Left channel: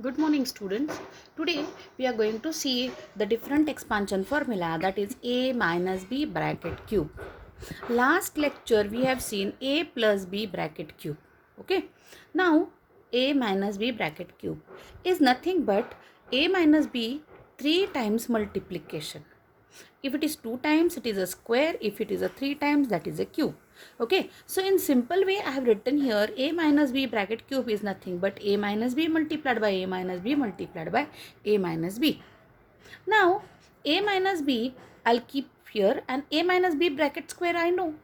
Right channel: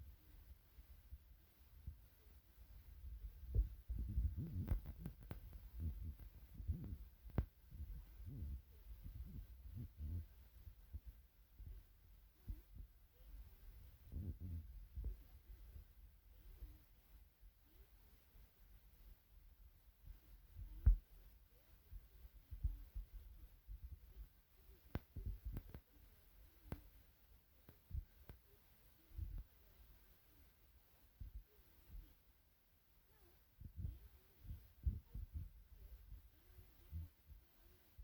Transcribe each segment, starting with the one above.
Good morning, students. Today we are going to see the different expansion formula, that is a minus b bracket cube. Last lecture we have seen a plus b bracket cube. Okay. Now a minus b bracket cube is nothing but a minus b 3 times multiplication. If it is 2 times, it is a square. If it is a 3 times, that is a cube. Okay, so in simple way I have written here a minus b bracket cube is nothing but a minus b multiplied by a minus b multiplied by a minus b. Now a minus b I'll keep here, and a minus b bracket square I know,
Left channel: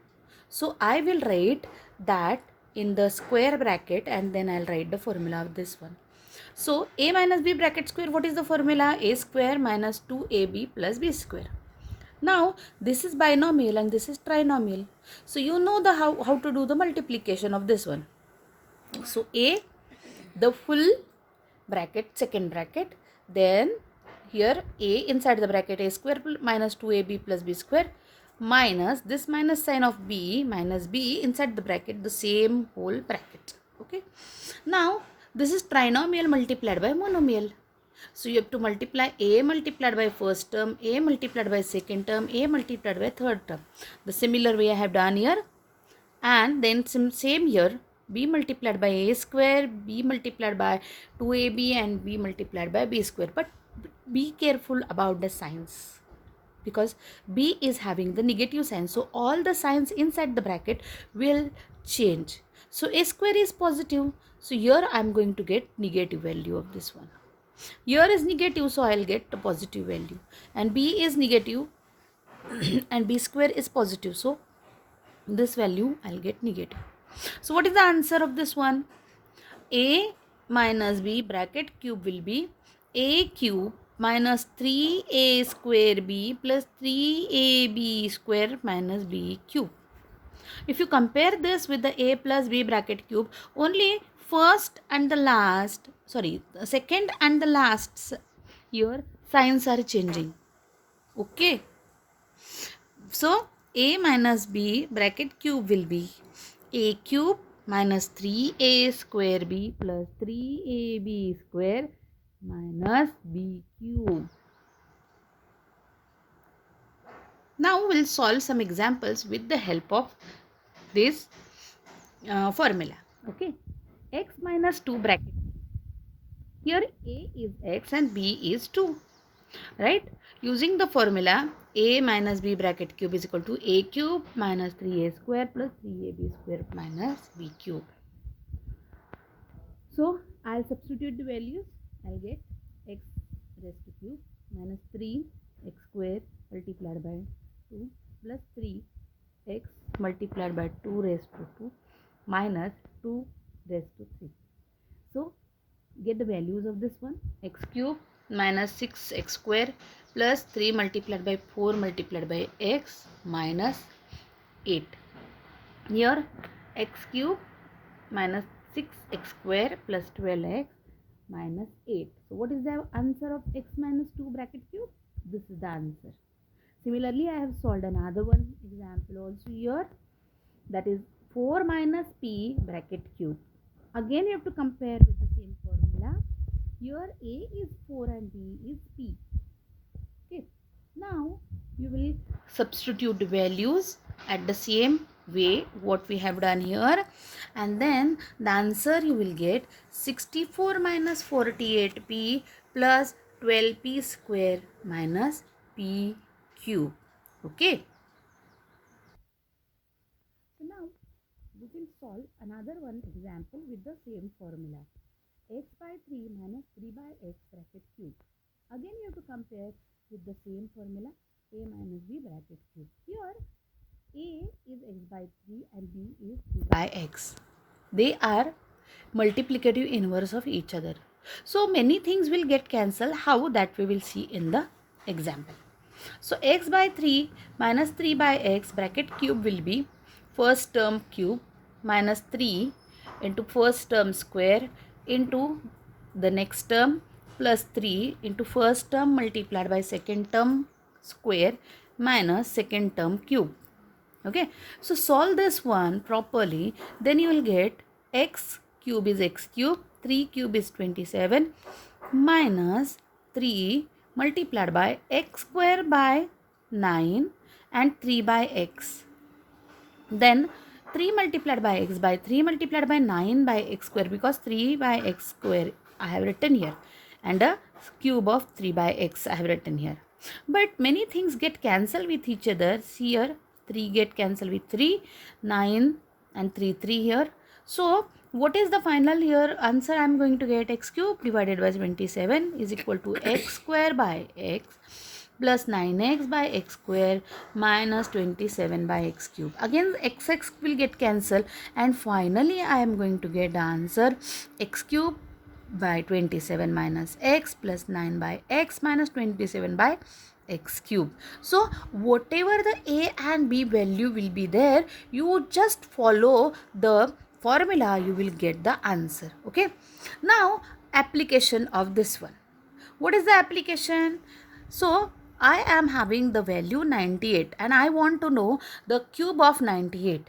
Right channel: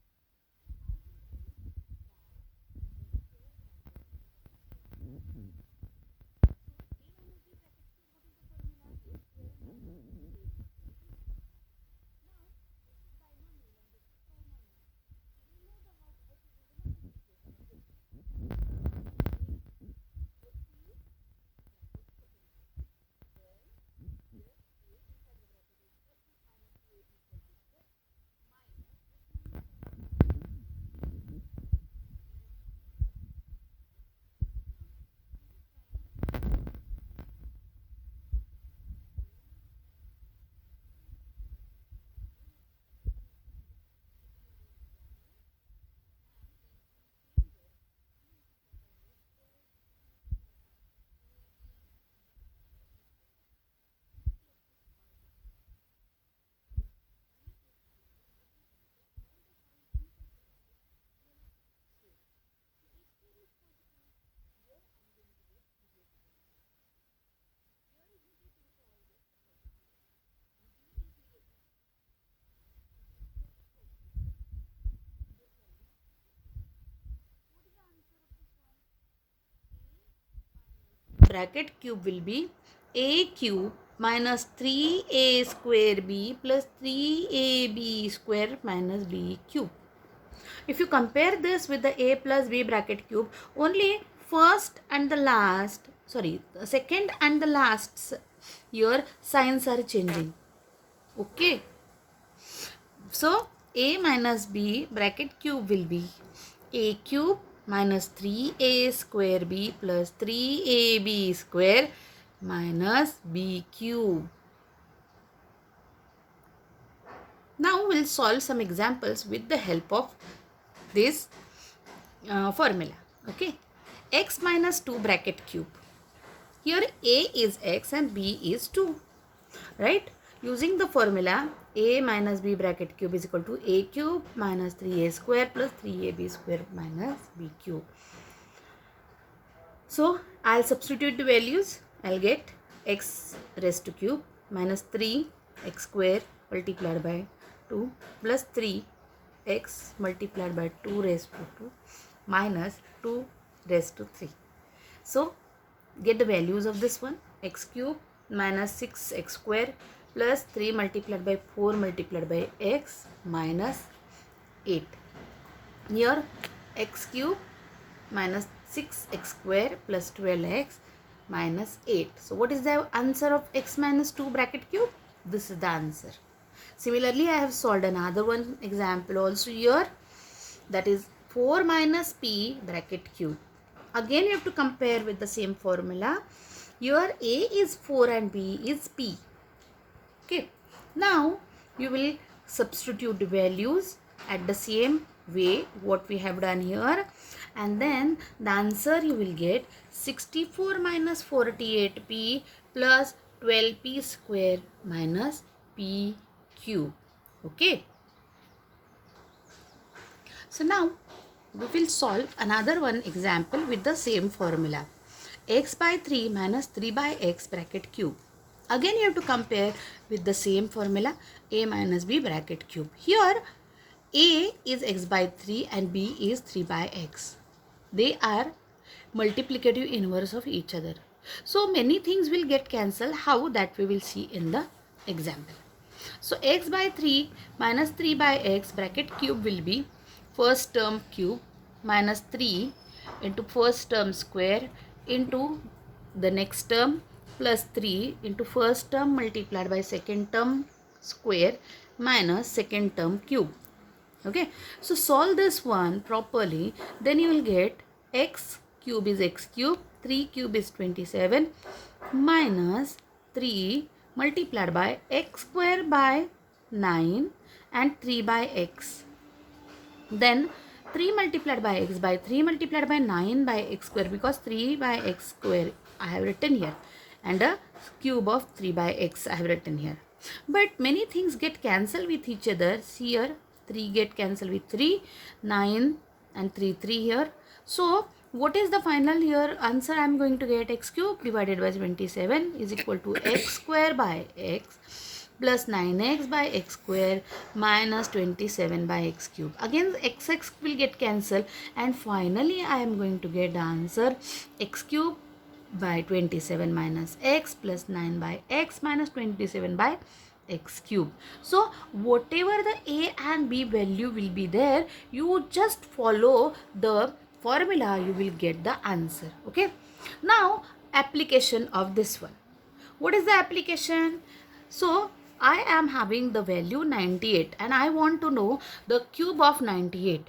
so I will write that in the square bracket and then I'll write the formula of this one. So a minus b bracket square, what is the formula? A square minus 2ab plus b square. Now this is binomial and this is trinomial. So you know the how to do the multiplication of this one. So a, the full bracket, second bracket, then here a inside the bracket a square minus 2ab plus b square minus this minus sign of b minus b inside the bracket, the same whole bracket. Okay. Now this is trinomial multiplied by monomial. So you have to multiply a multiplied by first term, a multiplied by second term, a multiplied by third term. The similar way I have done here. And then same here, b multiplied by a square, b multiplied by 2ab and b multiplied by b square. But be careful about the signs, because b is having the negative sign. So all the signs inside the bracket will change. So a square is positive. So here I am going to get negative value of this one. Here is negative, so I'll get a positive value, and b is negative and b square is positive, so this value I'll get negative. So what is the answer of this one? A minus b bracket cube will be a cube minus 3a square b plus 3ab square minus b cube. If you compare this with the a plus b bracket cube, only second and the last here signs are changing. Okay. So a minus b bracket cube will be a cube minus 3a square b plus 3ab square minus b cube. Now we'll solve some examples with the help of this formula. Okay. X minus 2 bracket cube. Here a is x and b is 2. Right? Using the formula a minus b bracket cube is equal to a cube minus 3a square plus 3ab square minus b cube. So I'll substitute the values. I'll get x raised to cube minus 3 x square multiplied by 2 plus 3 x multiplied by 2 raised to 2 minus 2 raised to 3. So get the values of this one. X cube minus 6x square plus 3 multiplied by 4 multiplied by x minus 8. Here x cube minus 6x square plus 12x minus 8. So what is the answer of x minus 2 bracket cube? This is the answer. Similarly, I have solved another one example also here, that is 4 minus p bracket cube. Again you have to compare with the same formula. Here a is 4 and b is p. Okay. Now you will substitute the values at the same way what we have done here, and then the answer you will get 64 minus 48p plus 12p square minus p cube. Okay. So now we will solve another one example with the same formula. X by 3 minus 3 by x bracket cube. Again you have to compare with the same formula, a minus b bracket cube. Here a is x by 3 and b is 3 by x. They are multiplicative inverse of each other. So many things will get cancelled. How, that we will see in the example. So x by 3 minus 3 by x bracket cube will be first term cube minus 3 into first term square into the next term plus 3 into first term multiplied by second term square minus second term cube. Okay. So solve this one properly, then you will get x cube is x cube 3 cube is 27 minus 3 multiplied by x square by 9 and 3 by x. Then 3 multiplied by x by 3 multiplied by 9 by x square, because 3 by x square I have written here and a cube of 3 by x I have written here. But many things get cancelled with each other. Here 3 get cancelled with 3, 9 and 3 here. So what is the final here answer? I am going to get x cube divided by 27 is equal to x square by x plus 9x by x square minus 27 by x cube. Again x will get cancelled, and finally I am going to get the answer x cube by 27 minus x plus 9 by x minus 27 by x cube. So whatever the a and b value will be there, you just follow the formula, you will get the answer. Okay, now application of this one. What is the application? So I am having the value 98 and I want to know the cube of 98.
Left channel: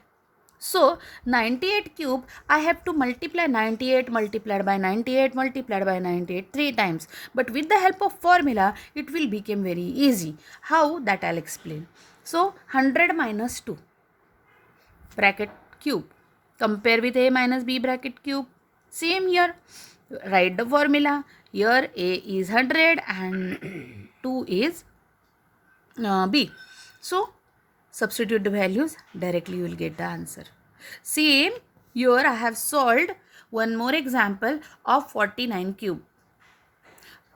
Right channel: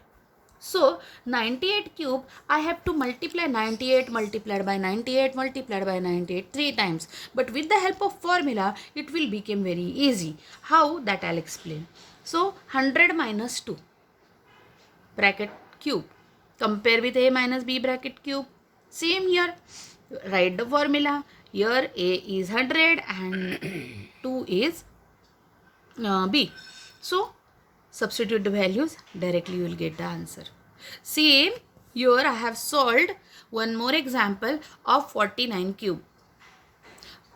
So 98 cube, I have to multiply 98 multiplied by 98 multiplied by 98 3 times. But with the help of formula, it will become very easy. How? That I'll explain. So 100 minus 2 bracket cube. Compare with a minus b bracket cube. Same here. Write the formula. Here a is 100 and 2 is b. So substitute the values, directly you will get the answer. Same here I have solved one more example of 49 cube.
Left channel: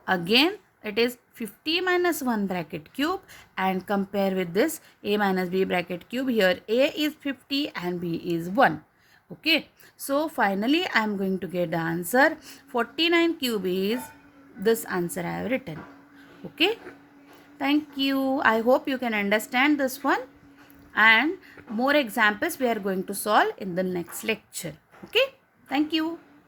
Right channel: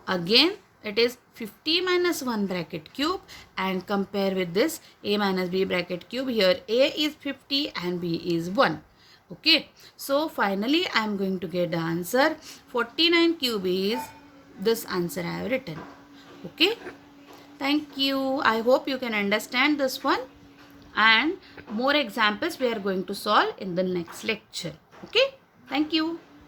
Again it is 50 minus 1 bracket cube, and compare with this a minus b bracket cube. Here a is 50 and b is 1. Okay, so finally I am going to get the answer 49 cube is this answer I have written. Okay, thank you. I hope you can understand this one, and more examples we are going to solve in the next lecture. Okay, thank you.